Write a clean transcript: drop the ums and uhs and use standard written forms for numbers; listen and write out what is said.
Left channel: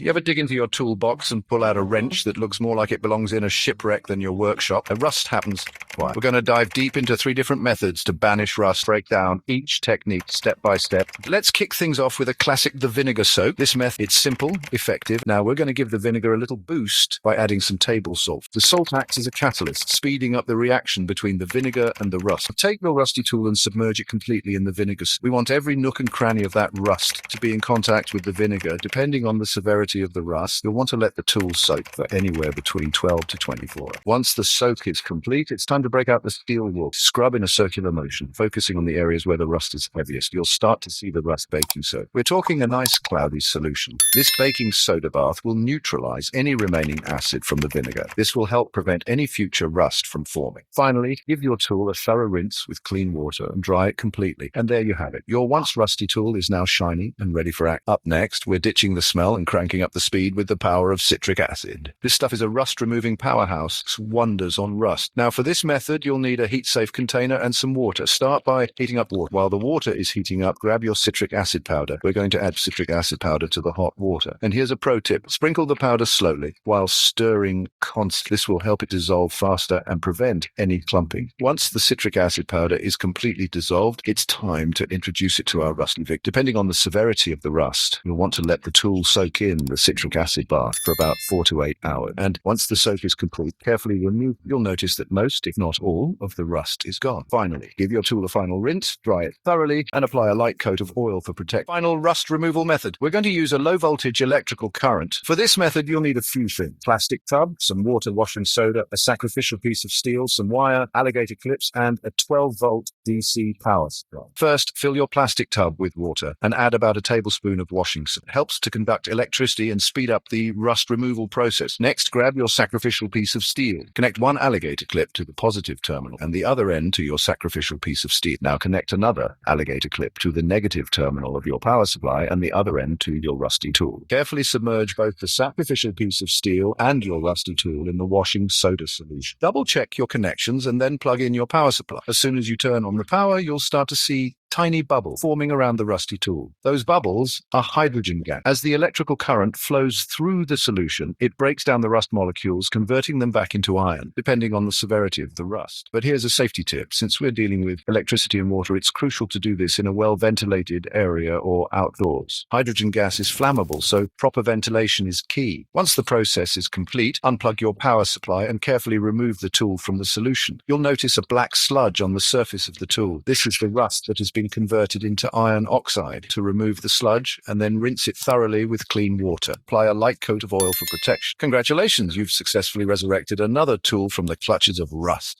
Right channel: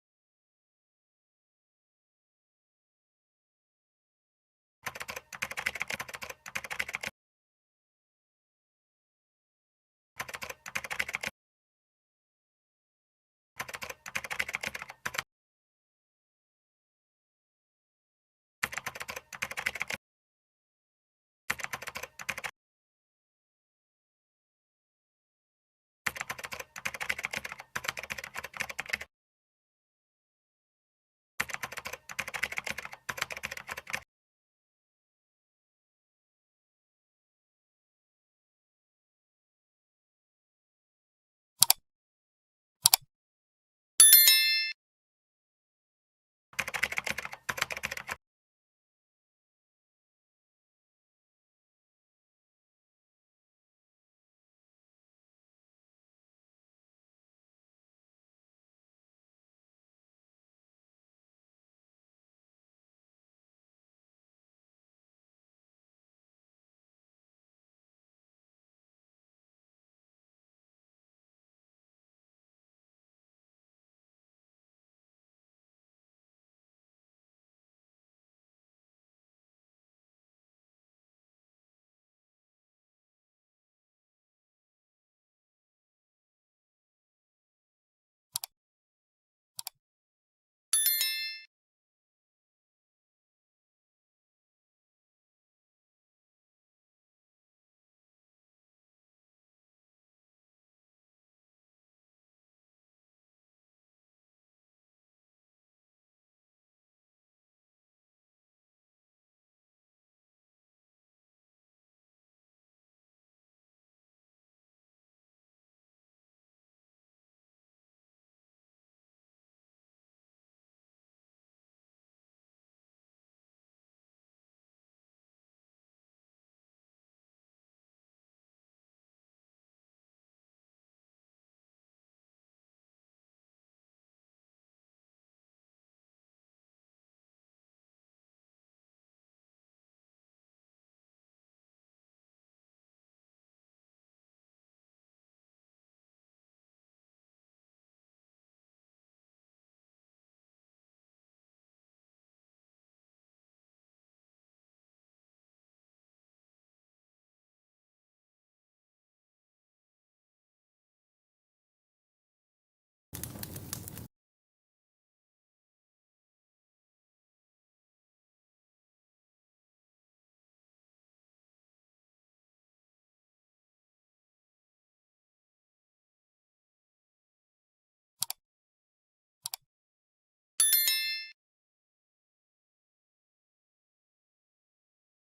You ever dig into your toolbox and pull out a wrench that looks more like it belongs in a shipwreck than your workshop? A rust happens. Why? We're going to dive deep into 3 different methods to banish rust, break down each technique step by step. Let's kick things off with a classic, the vinegar soak. This method is simple, effective. Now we're going to give the vinegar a little boost by adding some table salt. The salt acts as a catalyst, speeding up the reaction between the vinegar and the rust. Take your rusty tool and submerge it completely in the vinegar. We want every nook and cranny of that rust to be in contact with the vinegar. Depending on the severity of the rust, you'll want to let the tool soak for anywhere between 12 to 24. Once the soak is complete, it's time to break out the steel wool. Scrub in a circular motion, focusing on the areas where the rust is heaviest. You'll start to see the rust baking soda. We're talking a nice cloudy solution. This baking soda bath will neutralize any remaining acid from the vinegar. This will help prevent any future rust from forming. Finally, give your tool a thorough rinse with clean water and dry it completely. And there you have it. Your once rusty tool is now shiny and ready for action. Up next, we're ditching the smell and cranking up the speed with the power of citric acid. This stuff is a rust-removing powerhouse. It's wonders on rust. Now, for this method, you'll need a heat-safe container and some water. Start by heating up water. While the water is heating up, grab your citric acid powder. We're going to add citric acid powder to the hot water. And here's a pro tip. Sprinkle the powder slowly while stirring constantly. This will help it dissolve faster and prevent any clumping. Once the citric acid powder is completely dissolved, it's time to introduce it to our rusty victim. Depending on the severity of the rust, you'll want to let the tool soak in the citric acid bath for about 4 to 8 hours. And once the soak is complete, carefully remove. You'll notice that most, if not all, of the rust is gone. Finally, give your tool a final rinse, dry it thoroughly, and apply a light coat of oil for protection. Final rust removal method. We're going to use a low-voltage electrical current. For this method, you'll need a few things. Plastic tub, some water washing soda, a sacrificial piece of steel, some wire, alligator clips, and a 12-volt DC power supply. First, fill your plastic tub with water and add about a tablespoon of washing soda. It helps to conduct electricity and speed up the rust removal process. Next, grab your sacrificial piece of steel. Connect one alligator clip to the positive terminal and the other end to your sacrificial piece of steel. Now connect another alligator clip to the negative terminal of your power supply and the other end to your rusty tool. Carefully submerge both the sacrificial piece of steel and your rusty tool in the washing soda solution. Double check your connections and then plug in your power supply. As soon as you turn on the power, you'll start to see tiny bubbles forming around the rusty tool. Those bubbles are hydrogen gas. As the electrical current flows through the solution, it breaks down the rust molecules, converting them back into iron, depending on the severity of the rust. But here's a safety tip. Since we're dealing with electricity and water, it's crucial to do this in a well-ventilated area or outdoors. Hydrogen gas is flammable, so proper ventilation is key. Once the process is complete, unplug your power supply and carefully remove the tool from the solution. You'll notice a black sludge on the surface of the tool. This is the rust that has been converted into iron oxide. To remove the sludge and then rinse it thoroughly with clean water. Apply a light coat of oil for protection. Congratulations, you've successfully resurrected another tool from the clutches of rust.